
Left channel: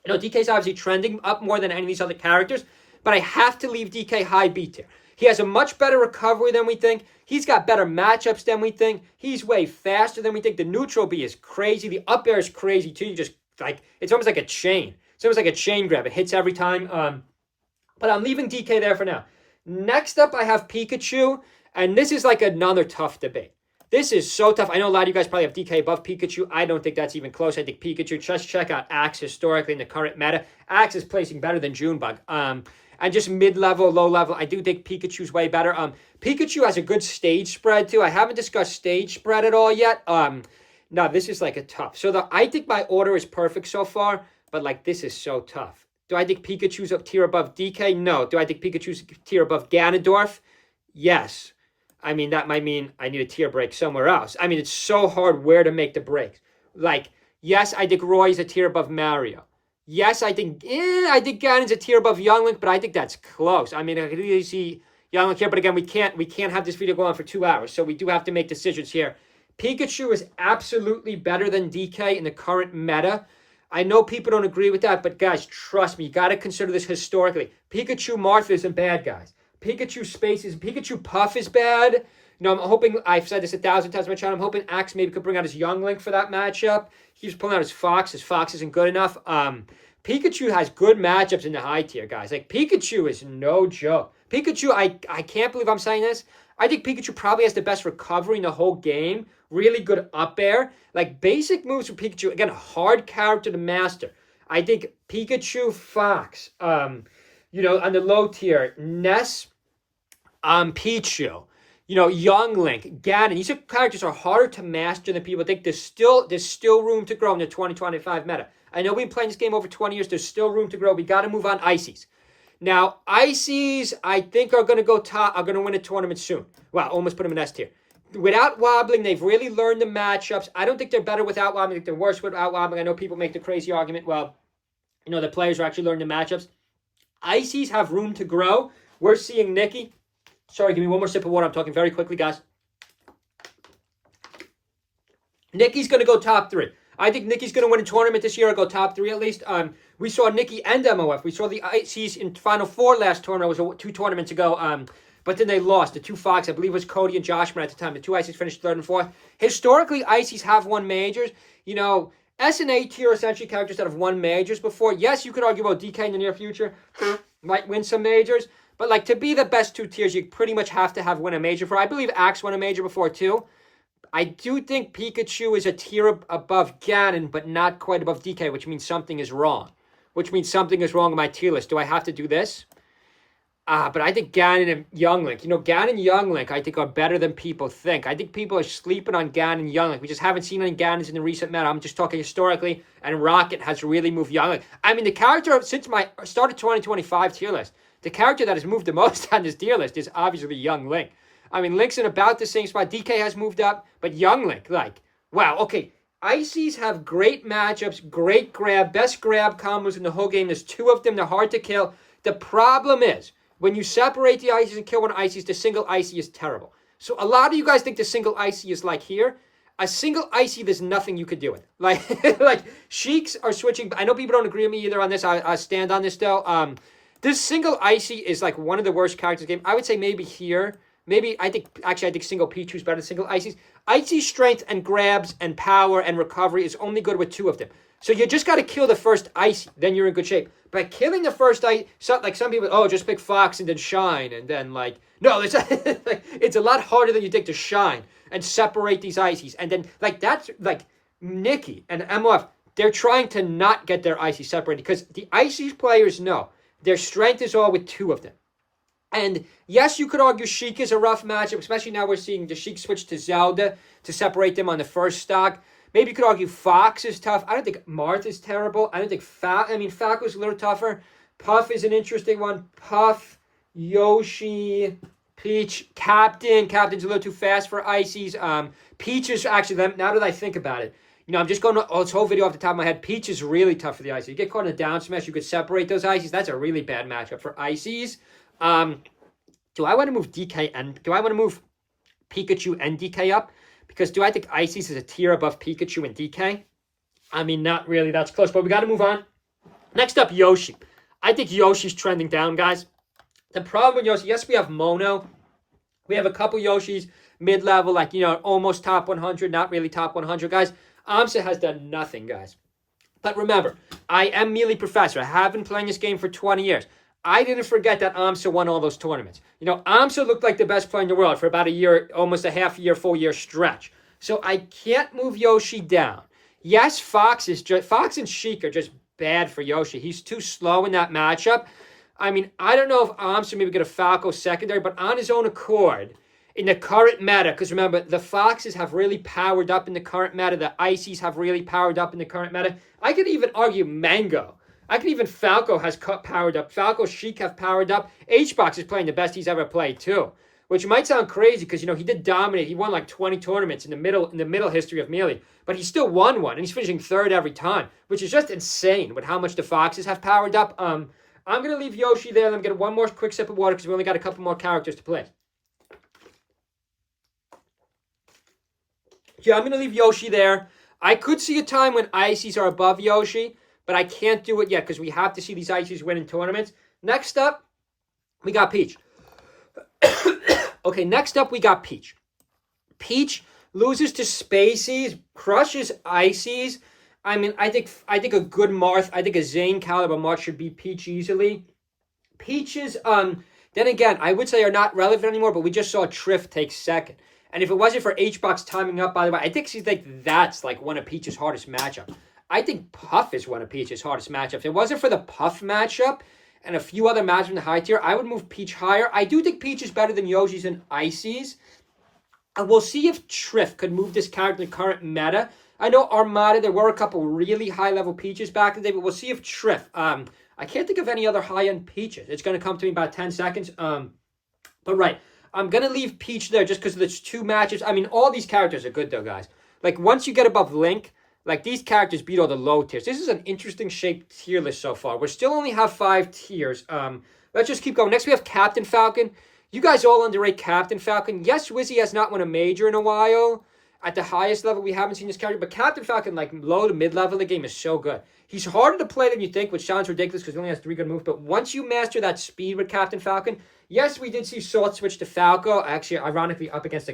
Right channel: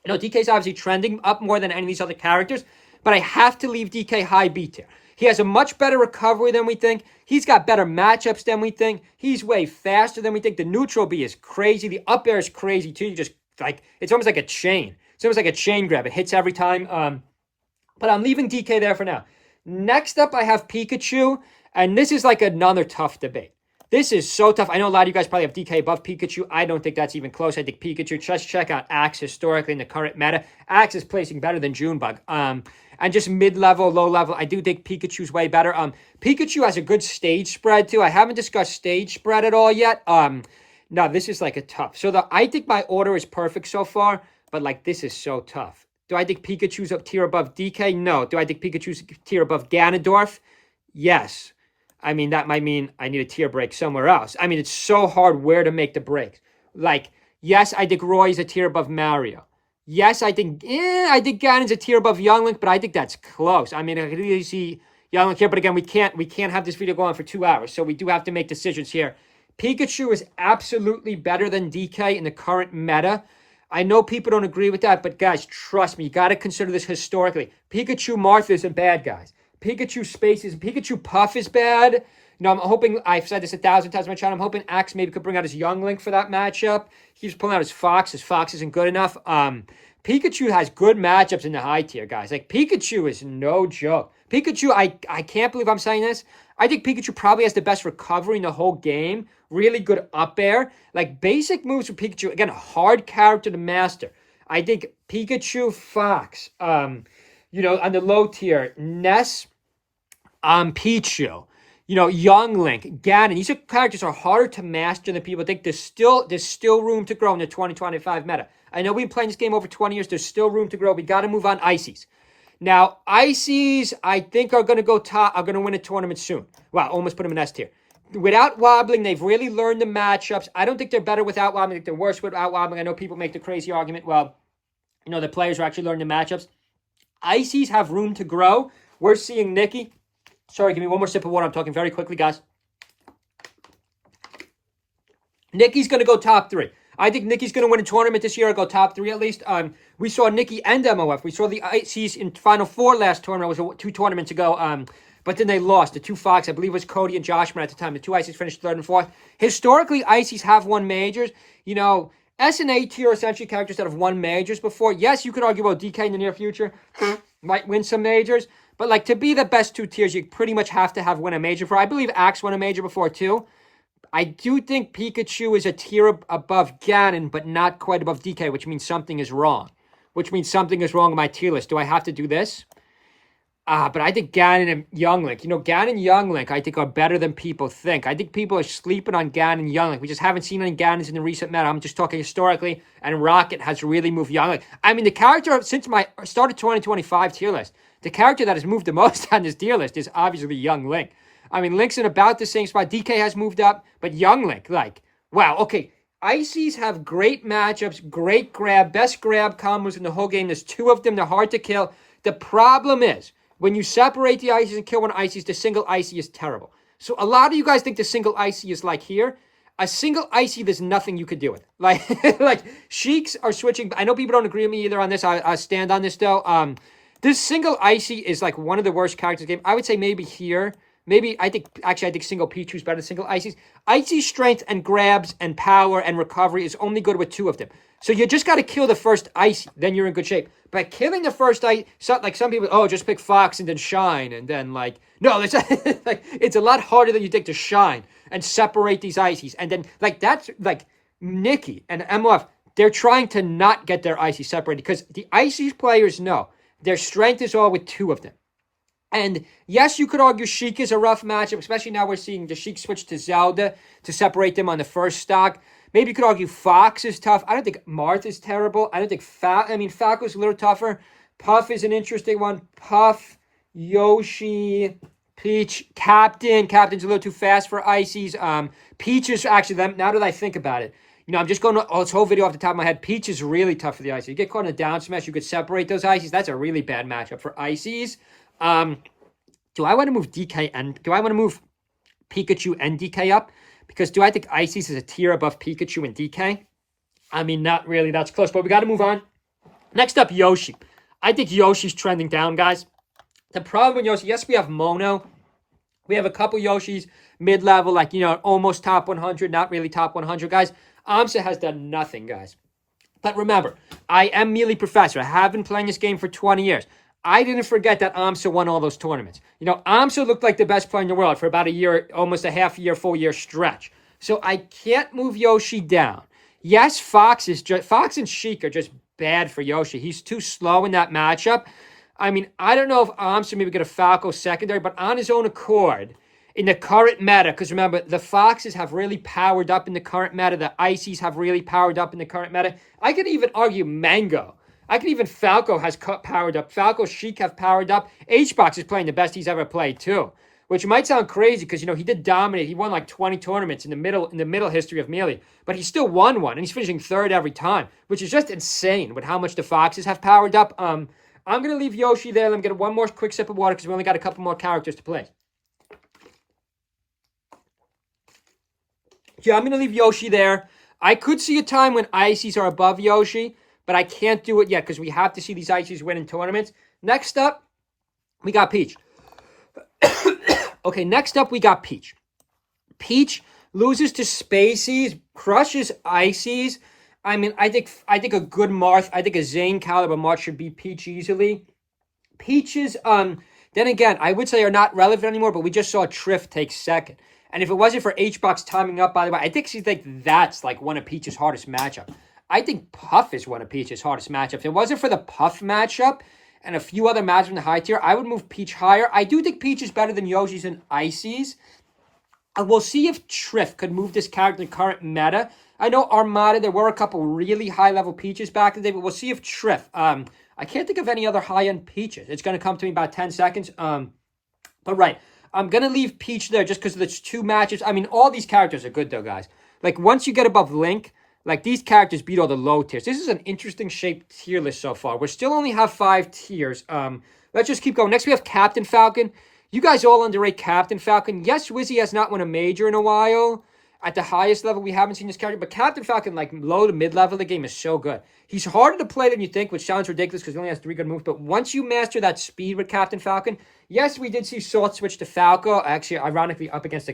You know, DK's obviously trending up more than any of these other characters, but I have to leave DK high B tier. He has a much better recovery than we think. He's got better matchups than we think. He's way faster than we think. The neutral B is crazy. The up air is crazy too. You just like, it's almost like a chain. It's almost like a chain grab. It hits every time. But I'm leaving DK there for now. Next up, I have Pikachu, and this is like another tough debate. This is so tough. I know a lot of you guys probably have DK above Pikachu. I don't think that's even close. I think Pikachu, just check out Axe historically in the current meta. Axe is placing better than Junebug. And just mid-level, low-level, I do think Pikachu's way better. Pikachu has a good stage spread, too. I haven't discussed stage spread at all yet. No, this is like a tough. So I think my order is perfect so far, but like this is so tough. Do I think Pikachu's a tier above DK? No. Do I think Pikachu's a tier above Ganondorf? Yes. I mean, that might mean I need a tier break somewhere else. I mean, it's so hard where to make the break. Like, yes, I think Roy's a tier above Mario. Yes, I think Ganon's a tier above Young Link, but I think that's close. I mean, I can easily see Young Link here, but again, we can't have this video go on for 2 hours, so we do have to make decisions here. Pikachu is absolutely better than DK in the current meta. I know people don't agree with that, but guys, trust me, you got to consider this historically. Pikachu Marth isn't bad, guys. Pikachu Puff is bad. You know, I'm hoping, I've said this 1,000 times on my channel, I'm hoping Axe maybe could bring out his Young Link for that matchup. He keeps pulling out his Fox. His Fox isn't good enough. Pikachu has good matchups in the high tier, guys. Like, Pikachu is no joke. Pikachu, I can't believe I'm saying this. I think Pikachu probably has the best recovery in the whole game. Really good up air. Like, basic moves for Pikachu. Again, a hard character to master. I think Pikachu, Fox, you know, on the low tier, Ness, Pichu, you know, Young Link, Ganon. These characters are harder to master than people think. There's still room to grow in the 2025 meta. I know we've been playing this game over 20 years. There's still room to grow. We got to move on Ices. Now, Ices, I think are going to go top, are going to win a tournament soon. Wow, almost put them in S tier. Without wobbling, they've really learned the matchups. I don't think they're better without wobbling. I think they're worse without wobbling. I know people make the crazy argument, well, you know, the players are actually learning the matchups. Ices have room to grow. We're seeing Nikki. Sorry, give me one more sip of water. I'm talking very quickly, guys. Nikki's going to go top 3. I think Nikki's going to win a tournament this year or go top 3 at least. We saw Nikki and MOF. We saw the Ices in Final 4 last tournament. It was 2 tournaments ago. But then they lost. The 2 Fox, I believe it was Cody and Joshman at the time. The 2 Ices finished 3rd and 4th. Historically, Ices have won majors. You know, S and A tier essentially characters that have won majors before. Yes, you could argue about DK in the near future might win some majors. But like, to be the best 2 tiers, you pretty much have to have won a major for. I believe Axe won a major before too. I do think Pikachu is a tier above Ganon, but not quite above DK, which means something is wrong. Which means something is wrong with my tier list. Do I have to do this? But I think Ganon and Young Link, you know, Ganon and Young Link, I think are better than people think. I think people are sleeping on Ganon and Young Link. We just haven't seen any Ganons in the recent meta. I'm just talking historically, and Rocket has really moved Young Link. I mean, the character, since my start of 2025 tier list, the character that has moved the most on this tier list is obviously Young Link. I mean, Link's in about the same spot. DK has moved up, but Young Link, like, wow, okay. Ices have great matchups, great grab, best grab combos in the whole game. There's 2 of them. They're hard to kill. The problem is, when you separate the Ices and kill one Ices, the single Icy is terrible. So a lot of you guys think the single Icy is like here. A single Icy, there's nothing you could do with. Like, like Sheiks are switching. I know people don't agree with me either on this. I stand on this though. This single Icy is like one of the worst characters in the game. I would say maybe here. Maybe, I think single Pichu's better than single Ices. Icy's strength and grabs and power and recovery is only good with 2 of them. So you just got to kill the first Icy, then you're in good shape. By killing the first Icy, like some people, oh, just pick Fox and then Shine, and then like, no, it's like, it's a lot harder than you think to Shine and separate these Ices. And then like, that's like Nikki and MF, they're trying to not get their Icy separated because the Icy's players know their strength is all with 2 of them. And yes, you could argue Sheik is a rough matchup, especially now we're seeing the Sheik switch to Zelda to separate them on the first stock. Maybe you could argue Fox is tough. I don't think Marth is terrible. I don't think Falcon's a little tougher. Puff is an interesting one. Puff, Yoshi, Peach, Captain's a little too fast for Ices. Peach is actually, now that I think about it, you know, I'm just going to this whole video off the top of my head. Peach is really tough for the Ices. You get caught in a down smash, you could separate those Ices. That's a really bad matchup for Ices. Do I want to move DK and do I want to move Pikachu and DK up? Because do I think Ices is a tier above Pikachu and DK? I mean, not really. That's close, but we got to move on. Next up, Yoshi. I think Yoshi's trending down, guys. The problem with Yoshi, yes, we have Mono. We have a couple Yoshis mid-level, like, almost top 100, not really top 100, guys. Amsa has done nothing, guys. But remember, I am Melee Professor. I have been playing this game for 20 years. I didn't forget that Amsa won all those tournaments. Amsa looked like the best player in the world for about a year, almost a half year, full year stretch. So I can't move Yoshi down. Yes, Fox and Sheik are just bad for Yoshi. He's too slow in that matchup. I mean, I don't know if Amsa maybe get a Falco secondary, but on his own accord, in the current meta, because remember, the Foxes have really powered up in the current meta, the Ices have really powered up in the current meta. I could even argue Mango. I could even Falco has powered up. Falco, Sheik have powered up. HBox is playing the best he's ever played too, which might sound crazy because he did dominate. He won like 20 tournaments in the middle history of Melee, but he still won one, and he's finishing third every time, which is just insane with how much the Foxes have powered up. I'm gonna leave Yoshi there. Let me get one more quick sip of water because we only got a couple more characters to play. Yeah, I'm going to leave Yoshi there. I could see a time when Ices are above Yoshi, but I can't do it yet because we have to see these Ices win in tournaments. Next up, we got Peach. Okay, next up, we got Peach. Peach loses to Spaceys, crushes Ices. I mean, I think a good Marth, I think a Zane caliber Marth should beat Peach easily. Peaches, then again, I would say are not relevant anymore, but we just saw Triff take second. And if it wasn't for HBox timing up, by the way, I think that's like one of Peach's hardest matchup. I think Puff is one of Peach's hardest matchups. If it wasn't for the Puff matchup and a few other matchups in the high tier, I would move Peach higher. I do think Peach is better than Yoshi's and Ices. And we'll see if Triff could move this character to current meta. I know Armada, there were a couple really high-level Peaches back in the day, but we'll see if Triff. I can't think of any other high-end Peaches. It's going to come to me about 10 seconds. But right. I'm going to leave Peach there just because there's two matches. I mean, all these characters are good, though, guys. Like, once you get above Link, like, these characters beat all the low tiers. This is an interesting shaped tier list so far. We still only have 5 tiers. Let's just keep going. Next, we have Captain Falcon. You guys all underrate Captain Falcon. Yes, Wizzy has not won a major in a while. At the highest level, we haven't seen this character. But Captain Falcon, like, low to mid-level of the game is so good. He's harder to play than you think, which sounds ridiculous because he only has 3 good moves. But once you master that speed with Captain Falcon, yes, we did see Salt switch to Falco. Actually, ironically, up against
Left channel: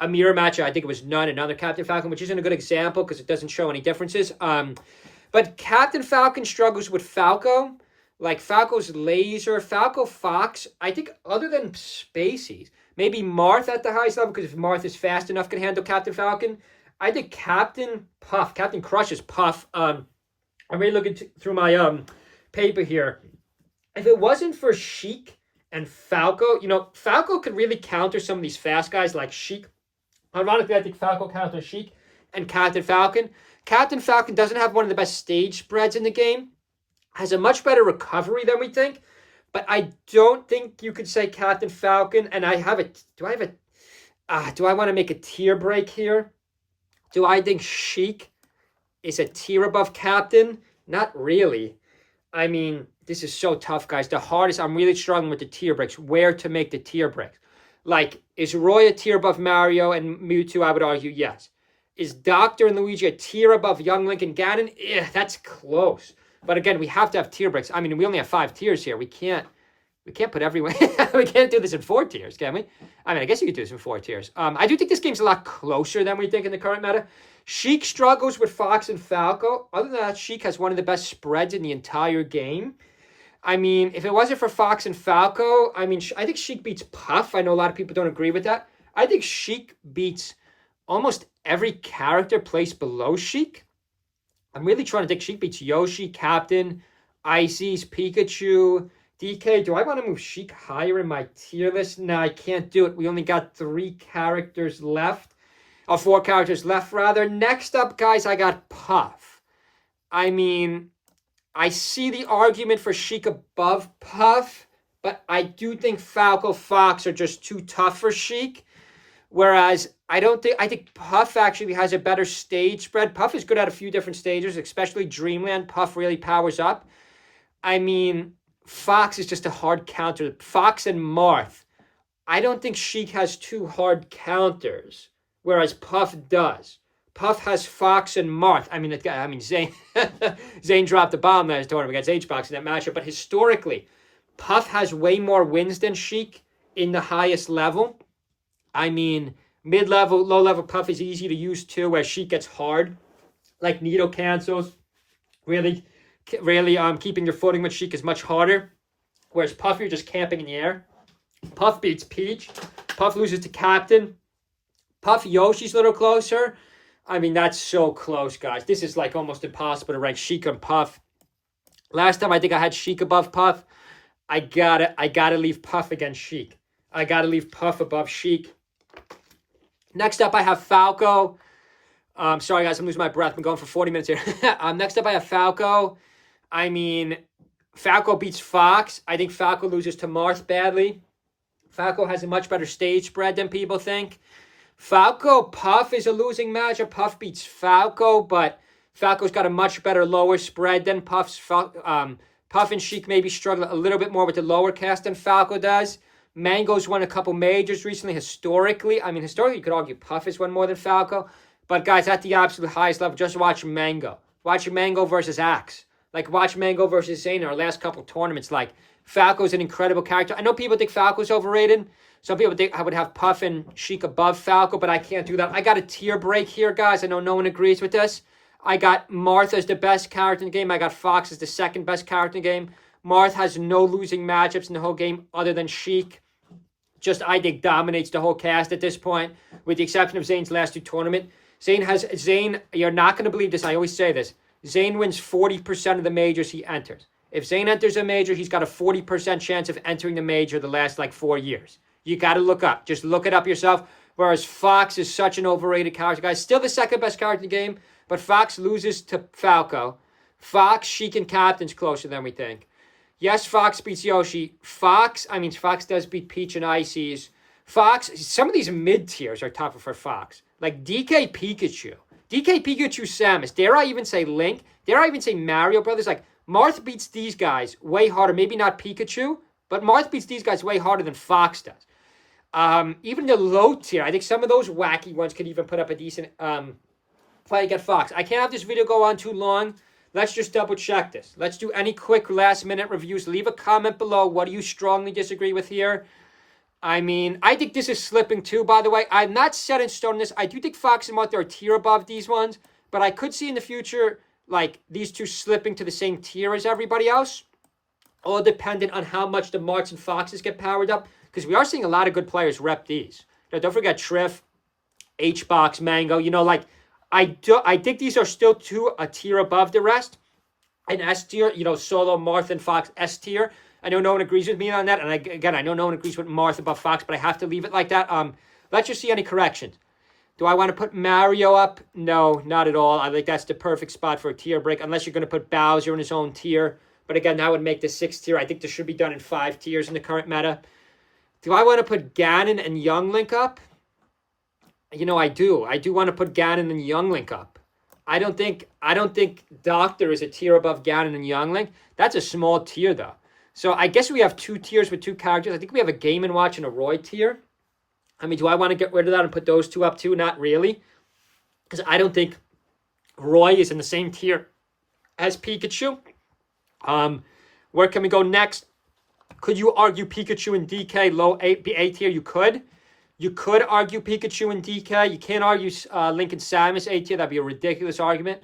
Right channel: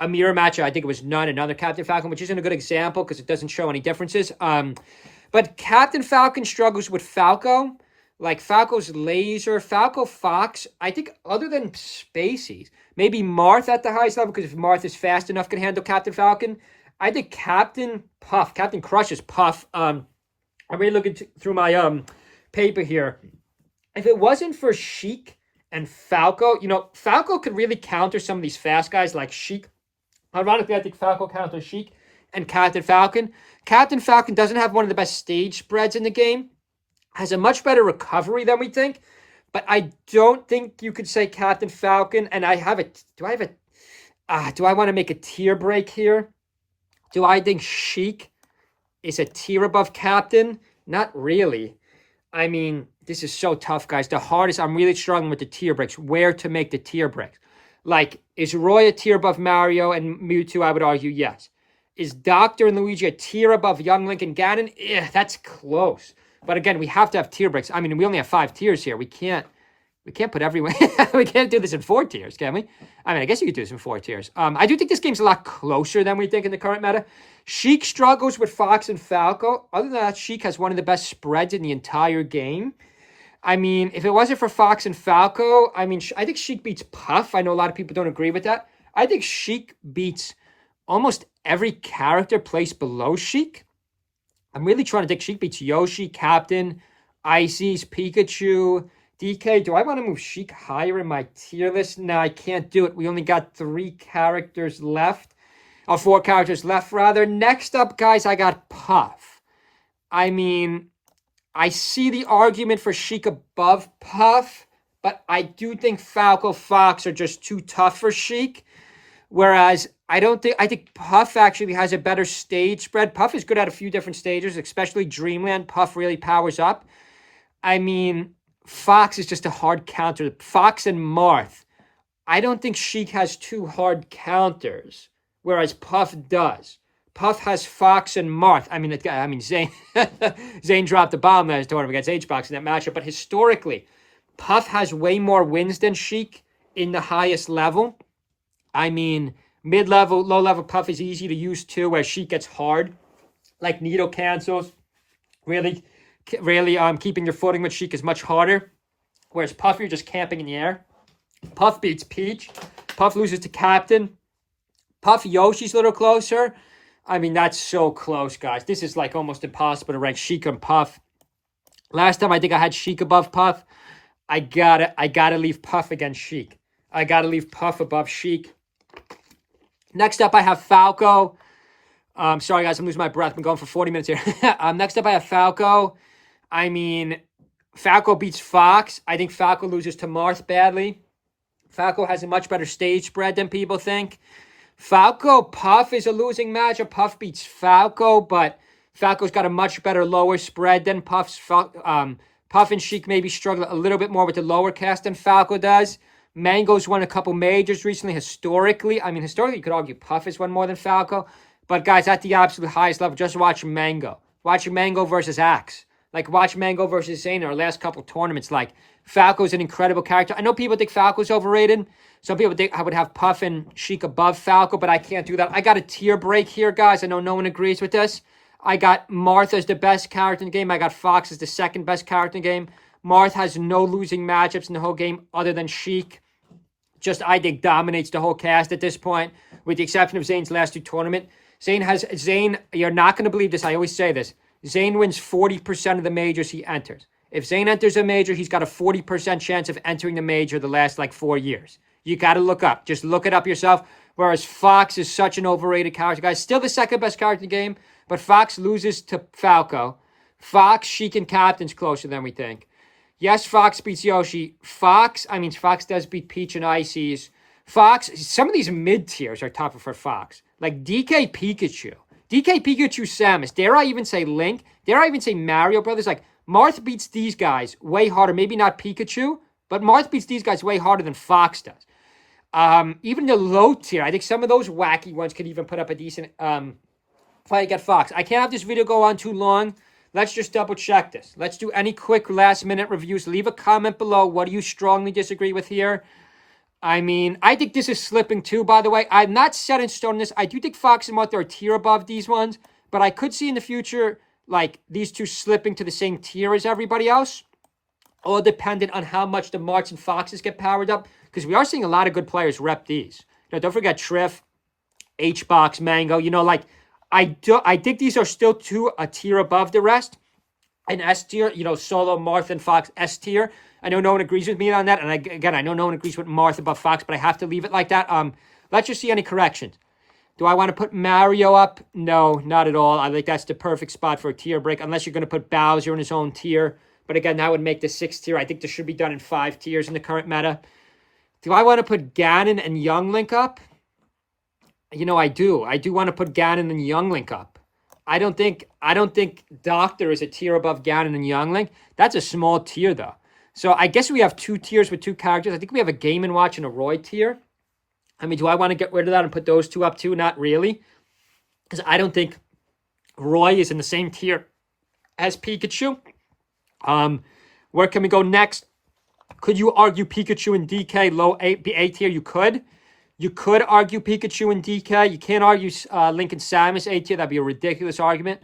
a mirror match. I think it was another Captain Falcon, which isn't a good example because it doesn't show any differences. But Captain Falcon struggles with Falco. Like, Falco's laser, Falco Fox. I think other than Spaceys, maybe Marth at the highest level, because if Marth is fast enough, can handle Captain Falcon. I think Captain crushes Puff. I'm really looking through my paper here. If it wasn't for Sheik and Falco, Falco could really counter some of these fast guys like Sheik. Ironically, I think Falco counters Sheik and Captain Falcon. Captain Falcon doesn't have one of the best stage spreads in the game. Has a much better recovery than we think. But I don't think you could say Captain Falcon. And do I want to make a tier break here? Do I think Sheik is a tier above Captain? Not really. I mean, this is so tough, guys. The hardest, I'm really struggling with the tier breaks. Where to make the tier breaks. Like, is Roy a tier above Mario and Mewtwo? I would argue yes. Is Dr. and Luigi a tier above Young Link and Ganon? That's close. But again, we have to have tier breaks. I mean, we only have 5 tiers here. We can't put everyone. We can't do this in 4 tiers, can we? I mean, I guess you could do this in 4 tiers. I do think this game's a lot closer than we think in the current meta. Sheik struggles with Fox and Falco. Other than that, Sheik has one of the best spreads in the entire game. I mean, if it wasn't for Fox and Falco, I mean, I think Sheik beats Puff. I know a lot of people don't agree with that. I think Sheik beats almost every character placed below Sheik. I'm really trying to think. Sheik beats Yoshi, Captain, Ices, Pikachu, DK. Do I want to move Sheik higher in my tier list? No, I can't do it. We only got 3 characters left. 4 characters left, rather. Next up, guys, I got Puff. I mean, I see the argument for Sheik above Puff, but I do think Falco Fox are just too tough for Sheik. Whereas I think Puff actually has a better stage spread. Puff is good at a few different stages, especially Dreamland. Puff really powers up. I mean, Fox is just a hard counter. Fox and Marth. I don't think Sheik has 2 hard counters, whereas Puff does. Puff has Fox and Marth. I mean, Zane, Zane dropped the bomb last tournament against H-Box in that matchup. But historically, Puff has way more wins than Sheik in the highest level. I mean, mid-level, low-level Puff is easy to use too, where Sheik gets hard, like needle cancels. Really, keeping your footing with Sheik is much harder. Whereas Puff, you're just camping in the air. Puff beats Peach. Puff loses to Captain. Puff Yoshi's a little closer. I mean, that's so close, guys. This is like almost impossible to rank Sheik and Puff. Last time I think I had Sheik above Puff. I gotta leave Puff against Sheik. I gotta leave Puff above Sheik. Next up, I have Falco. Sorry, guys, I'm losing my breath. I've been going for 40 minutes here. Next up, I have Falco. I mean, Falco beats Fox. I think Falco loses to Marth badly. Falco has a much better stage spread than people think. Falco Puff is a losing matchup. Puff beats Falco, but Falco's got a much better lower spread than Puff's. Puff and Sheik maybe struggle a little bit more with the lower cast than Falco does. Mango's won a couple majors recently. Historically, you could argue Puff has won more than Falco. But guys, at the absolute highest level, just watch Mango. Watch Mango versus Axe. Like, watch Mango versus Zane in our last couple tournaments. Like, Falco's an incredible character. I know people think Falco's overrated. Some people think I would have Puff and Sheik above Falco, but I can't do that. I got a tier break here, guys. I know no one agrees with this. I got Marth as the best character in the game. I got Fox as the second best character in the game. Marth has no losing matchups in the whole game other than Sheik. Just, I think, dominates the whole cast at this point, with the exception of Zane's last two tournaments. Zane, you're not going to believe this. I always say this. Zane wins 40% of the majors he enters. If Zane enters a major, he's got a 40% chance of entering the major the last, 4 years. You got to look up. Just look it up yourself. Whereas Fox is such an overrated character, guys. Still the second best character in the game, but Fox loses to Falco. Fox, Sheik, and Captain's closer than we think. Yes, Fox beats Yoshi. Fox does beat Peach and Ices. Fox, some of these mid-tiers are tougher for Fox. Like DK Pikachu. DK Pikachu Samus. Dare I even say Link? Dare I even say Mario Brothers? Like, Marth beats these guys way harder. Maybe not Pikachu, but Marth beats these guys way harder than Fox does. Even the low tier, I think some of those wacky ones could even put up a decent fight against Fox. I can't have this video go on too long. Let's just double check this. Let's do any quick last minute reviews. Leave a comment below. What do you strongly disagree with here? I mean, I think this is slipping too, by the way. I'm not set in stone on this. I do think Fox and Marth are a tier above these ones, but I could see in the future, these two slipping to the same tier as everybody else. All dependent on how much the Marths and Foxes get powered up, because we are seeing a lot of good players rep these. Don't forget Triff, H-Box, Mango. I think these are still a tier above the rest. And S tier, Solo, Marth, and Fox, S tier. I know no one agrees with me on that. And I know no one agrees with Marth above Fox, but I have to leave it like that. Let's just see any corrections. Do I want to put Mario up? No, not at all. I think that's the perfect spot for a tier break, unless you're going to put Bowser in his own tier. But again, that would make the 6th tier. I think this should be done in 5 tiers in the current meta. Do I want to put Ganon and Young Link up? I do. I do want to put Ganon and Young Link up. I don't think Doctor is a tier above Ganon and Young Link. That's a small tier, though. So I guess we have 2 tiers with 2 characters. I think we have a Game & Watch and a Roy tier. I mean, do I want to get rid of that and put those 2 up too? Not really. Because I don't think Roy is in the same tier as Pikachu. Where can we go next? Could you argue Pikachu and DK low A tier? You could. You could argue Pikachu and DK. You can't argue Link and Samus A tier. That'd be a ridiculous argument.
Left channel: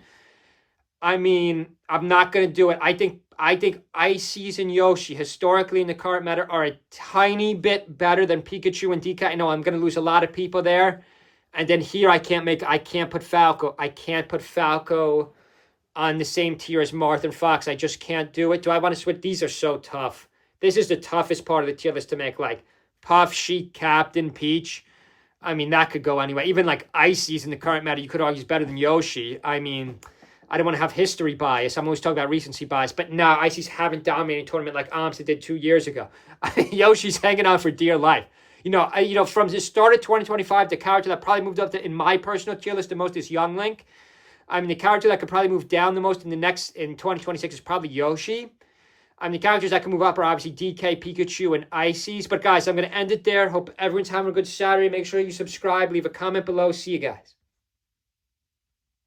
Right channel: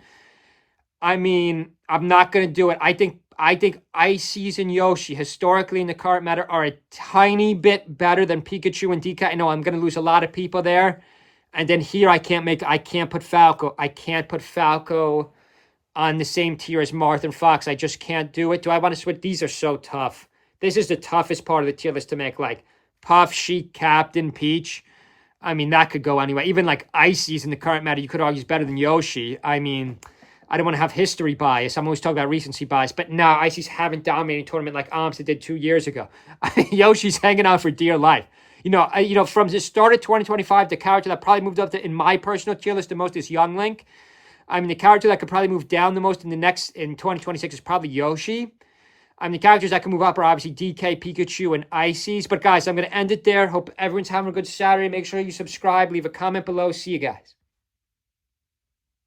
I mean, I'm not going to do it. I think Ices and Yoshi, historically in the current meta, are a tiny bit better than Pikachu and DK. I know I'm going to lose a lot of people there. And then here I can't put Falco. I can't put Falco on the same tier as Marth and Fox. I just can't do it. Do I want to switch? These are so tough. This is the toughest part of the tier list to make. Puff, Sheik, Captain, Peach. I mean, that could go anywhere. Even Ices in the current meta, you could argue is better than Yoshi. I mean, I don't want to have history bias. I'm always talking about recency bias. But no, Ices haven't dominated a tournament like Amsa did 2 years ago. Yoshi's hanging out for dear life. From the start of 2025, the character that probably moved up in my personal tier list the most is Young Link. I mean, the character that could probably move down the most in 2026 is probably Yoshi. I mean, the characters that can move up are obviously DK, Pikachu, and Ices. But guys, I'm going to end it there. Hope everyone's having a good Saturday. Make sure you subscribe. Leave a comment below. See you guys.